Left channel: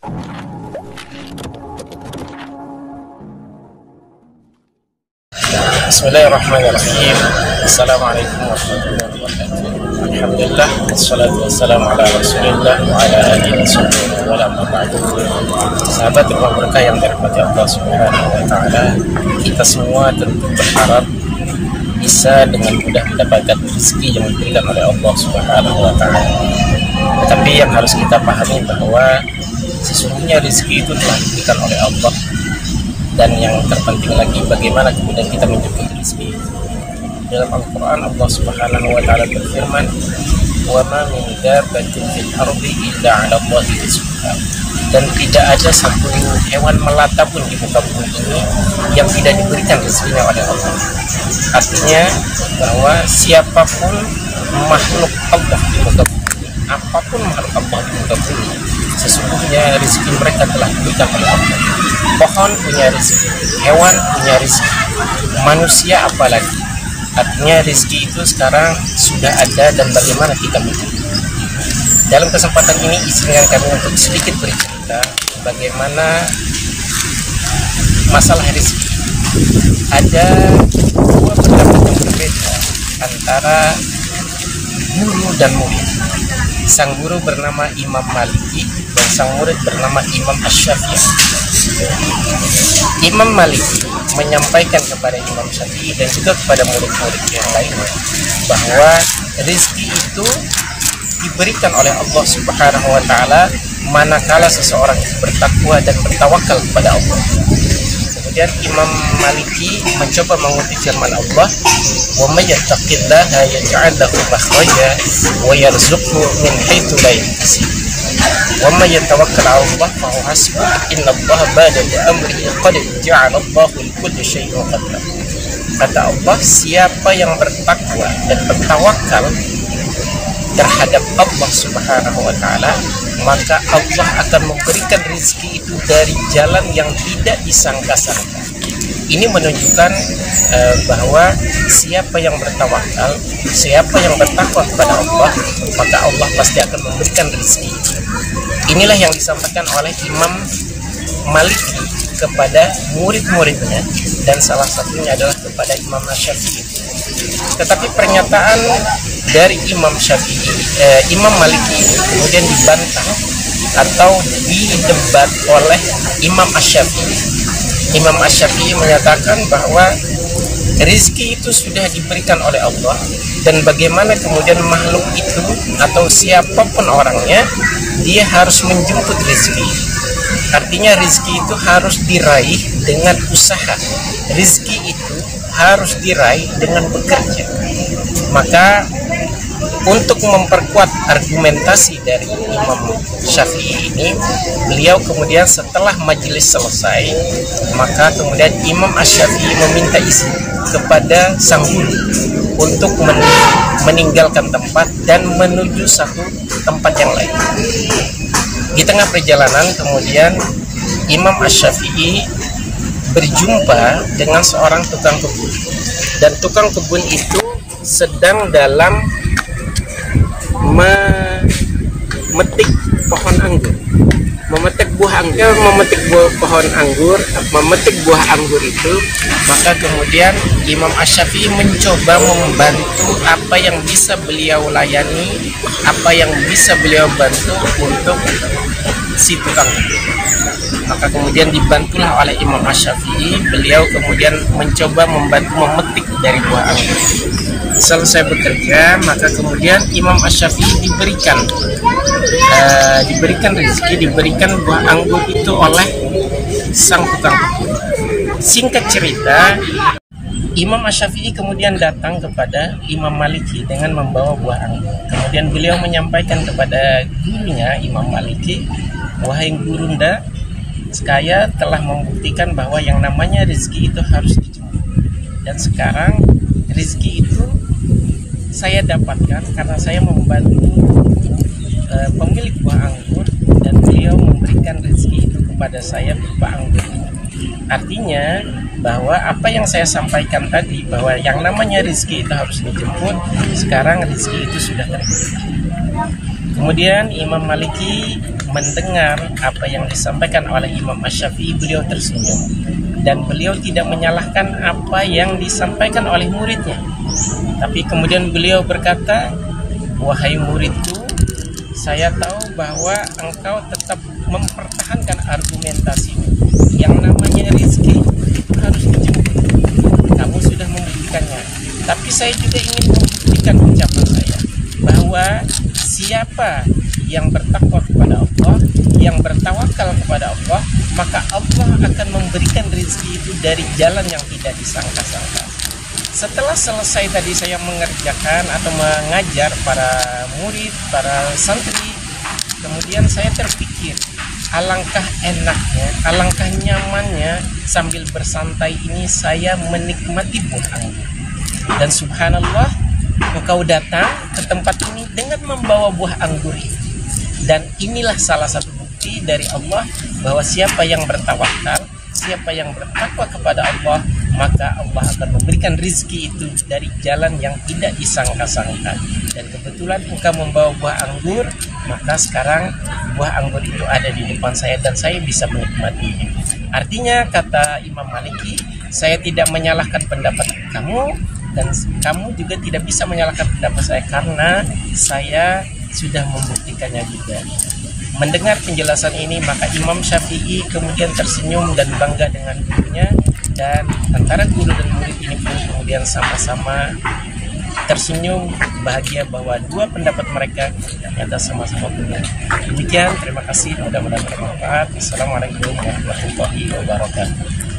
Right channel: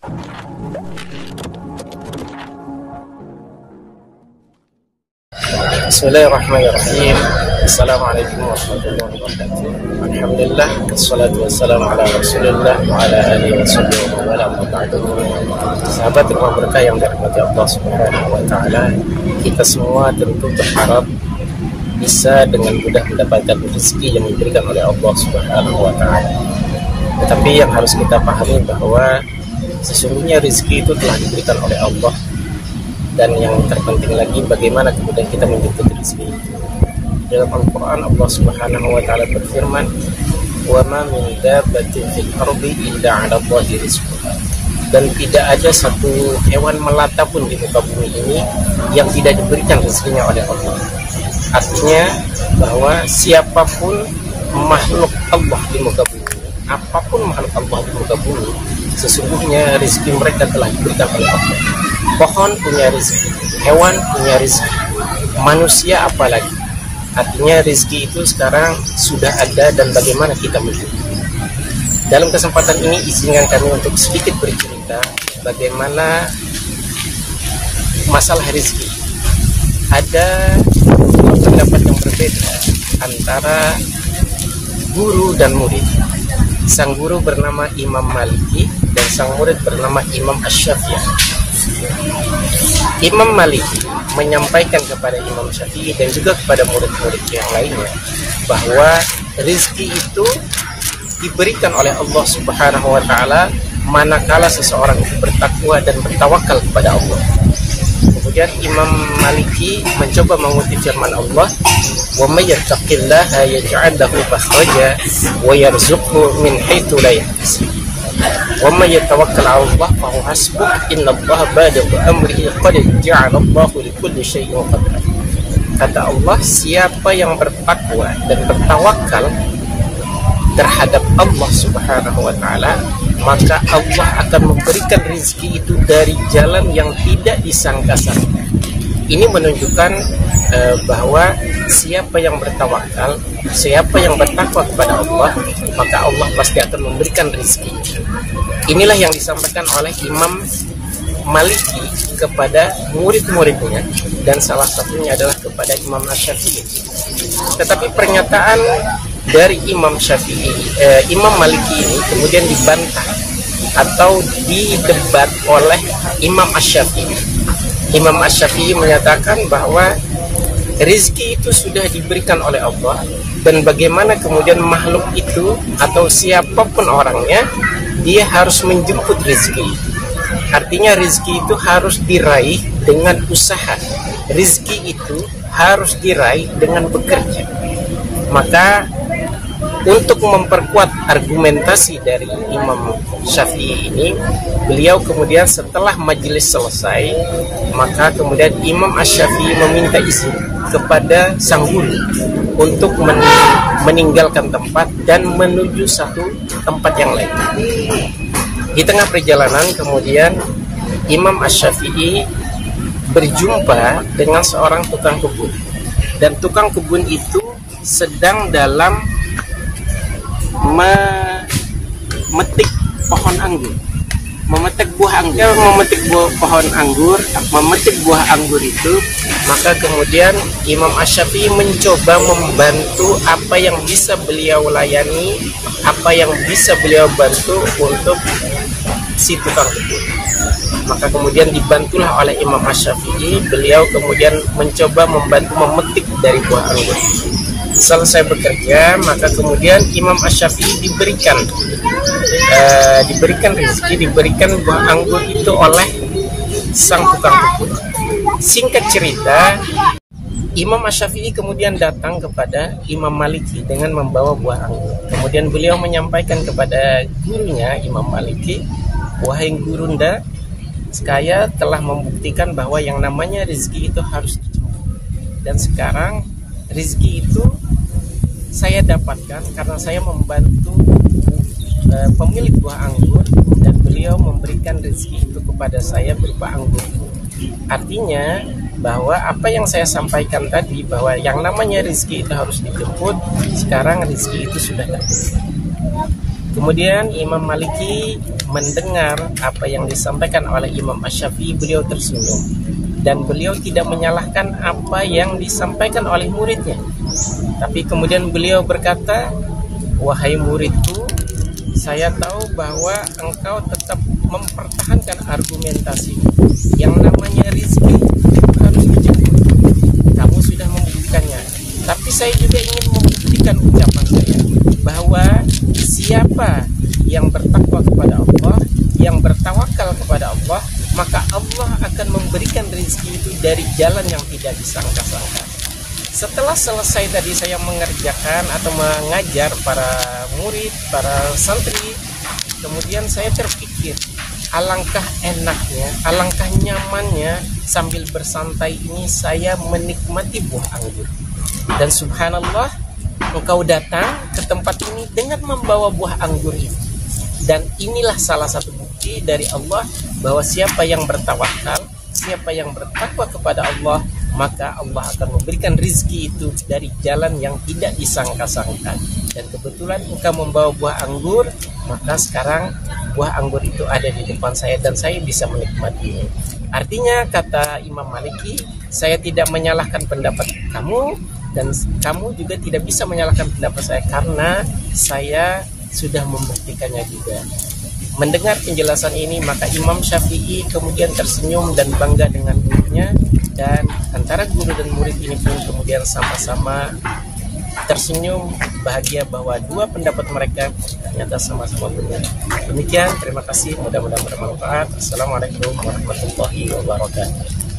Bismillahirrahmanirrahim. Assalamualaikum warahmatullahi wabarakatuh. Alhamdulillah, wassalatu wassalamu ala rasulillah wa ala alihi wa sahbihi wa ala sahabat rumah berkah yang dirahmati Allah subhanahu wa ta'ala, kita semua tentu berharap bisa dengan mudah mendapatkan rezeki yang diberikan oleh Allah subhanahu wa ta'ala. Tetapi yang harus kita pahami bahwa sesungguhnya rezeki itu telah diberikan oleh Allah. Dan yang terpenting lagi, bagaimana kemudian kita menjemput rezeki itu. Dalam Al-Quran Allah subhanahu wa ta'ala berfirman, wa ma min dabbatin fil ardi illa 'ala Allahi rizquha. Dan tidak ada satu hewan melata pun di muka bumi ini yang tidak diberikan rezekinya oleh Allah. Artinya bahwa siapapun makhluk Allah di muka bumi, apapun makhluk Allah di muka bumi, sesungguhnya rezeki mereka telah diberikan oleh Allah. Pohon punya rezeki, hewan punya rezeki, manusia apalagi. Artinya rezeki itu sekarang sudah ada, dan bagaimana kita menjemput. Dalam kesempatan ini izinkan kami untuk sedikit bercerita bagaimana masalah rezeki. Ada beberapa yang berbeda antara guru dan murid. Sang guru bernama Imam Maliki dan sang murid bernama Imam Asy-Syafi'i. Imam Maliki menyampaikan kepada Imam Syafi'i dan juga kepada murid-murid yang lainnya bahwa rezeki itu diberikan oleh Allah subhanahu wa ta'ala manakala seseorang itu bertakwa dan bertawakal kepada Allah. Kemudian Imam Maliki mencoba mengutip firman Allah, wa may yattaqillaha yaj'al lahu makhraja wa yarzuqhu min haitsu la yahtasib wa may yatawakkal 'ala Allah fa huwa hasbuh innallaha baligu amrihi qad ja'ala Allahu li kulli syai'in qadra. Kata Allah, siapa yang bertakwa dan bertawakal terhadap Allah subhanahu wa ta'ala, maka Allah akan memberikan rezeki itu dari jalan yang tidak disangka-sangka. Ini menunjukkan bahwa siapa yang bertawakal, siapa yang bertakwa kepada Allah, maka Allah pasti akan memberikan rezeki. Inilah yang disampaikan oleh Imam Maliki kepada murid-muridnya, dan salah satunya adalah kepada Imam Asy-Syafi'i. Tetapi pernyataan dari Imam Maliki ini kemudian dibantah atau didebat oleh Imam Asy-Syafi'i. Imam Asy-Syafi'i menyatakan bahwa rezeki itu sudah diberikan oleh Allah, dan bagaimana kemudian makhluk itu atau siapapun orangnya, dia harus menjemput rezeki. Artinya rezeki itu harus diraih dengan usaha. Rezeki itu harus diraih dengan bekerja. Maka untuk memperkuat argumentasi dari Imam Syafi'i ini, beliau kemudian setelah majelis selesai, maka kemudian Imam Asy-Syafi'i meminta izin kepada sang guru untuk meninggalkan tempat dan menuju satu tempat yang lain. Di tengah perjalanan kemudian Imam Asy-Syafi'i berjumpa dengan seorang tukang kebun, dan tukang kebun itu sedang dalam memetik pohon anggur, memetik buah anggur. Memetik pohon anggur, memetik buah anggur itu, maka kemudian Imam Asy-Syafi'i mencoba membantu apa yang bisa beliau layani, apa yang bisa beliau bantu untuk si tukang kebun. Maka kemudian dibantulah oleh Imam Asy-Syafi'i, beliau kemudian mencoba membantu memetik dari buah anggur. Selesai bekerja, maka kemudian Imam Asy-Syafi'i diberikan rezeki, diberikan buah anggur itu oleh sang tukang kebun. Singkat cerita, Imam Asy-Syafi'i kemudian datang kepada Imam Maliki dengan membawa buah anggur. Kemudian beliau menyampaikan kepada gurunya Imam Maliki, wahai gurunda, saya telah membuktikan bahwa yang namanya rezeki itu harus dijemput. Dan sekarang rezeki itu saya dapatkan karena saya membantu pemilik buah anggur, dan beliau memberikan rezeki itu kepada saya berupa anggur. Artinya bahwa apa yang saya sampaikan tadi, bahwa yang namanya rezeki itu harus dijemput, sekarang rezeki itu sudah terjadi. Kemudian Imam Maliki mendengar apa yang disampaikan oleh Imam Asy-Syafi'i, beliau tersenyum dan beliau tidak menyalahkan apa yang disampaikan oleh muridnya. Tapi kemudian beliau berkata, "Wahai muridku, saya tahu bahwa engkau tetap mempertahankan argumentasi. Yang namanya rezeki harus dijemput. Kamu sudah membuktikannya. Tapi saya juga ingin membuktikan ucapan saya bahwa siapa yang bertakwa kepada Allah, yang bertawakal kepada Allah, maka Allah akan memberikan rezeki itu dari jalan yang tidak disangka-sangka." Setelah selesai tadi saya mengerjakan atau mengajar para murid, para santri, kemudian saya terpikir, alangkah enaknya, alangkah nyamannya sambil bersantai ini saya menikmati buah anggur. Dan subhanallah, engkau datang ke tempat ini dengan membawa buah anggur ini. Dan inilah salah satu bukti dari Allah bahwa siapa yang bertawakal, siapa yang bertakwa kepada Allah, maka Allah akan memberikan rizki itu dari jalan yang tidak disangka-sangka. Dan kebetulan engkau membawa buah anggur, maka sekarang buah anggur itu ada di depan saya dan saya bisa menikmatinya. Artinya, kata Imam Maliki, saya tidak menyalahkan pendapat kamu dan kamu juga tidak bisa menyalahkan pendapat saya karena saya sudah membuktikannya juga. Mendengar penjelasan ini, maka Imam Syafi'i kemudian tersenyum dan bangga dengan gurunya, dan antara guru dan murid ini pun kemudian sama-sama tersenyum bahagia bahwa dua pendapat mereka ternyata sama-sama benar. Demikian, terima kasih, mudah-mudahan bermanfaat. Assalamualaikum warahmatullahi wabarakatuh.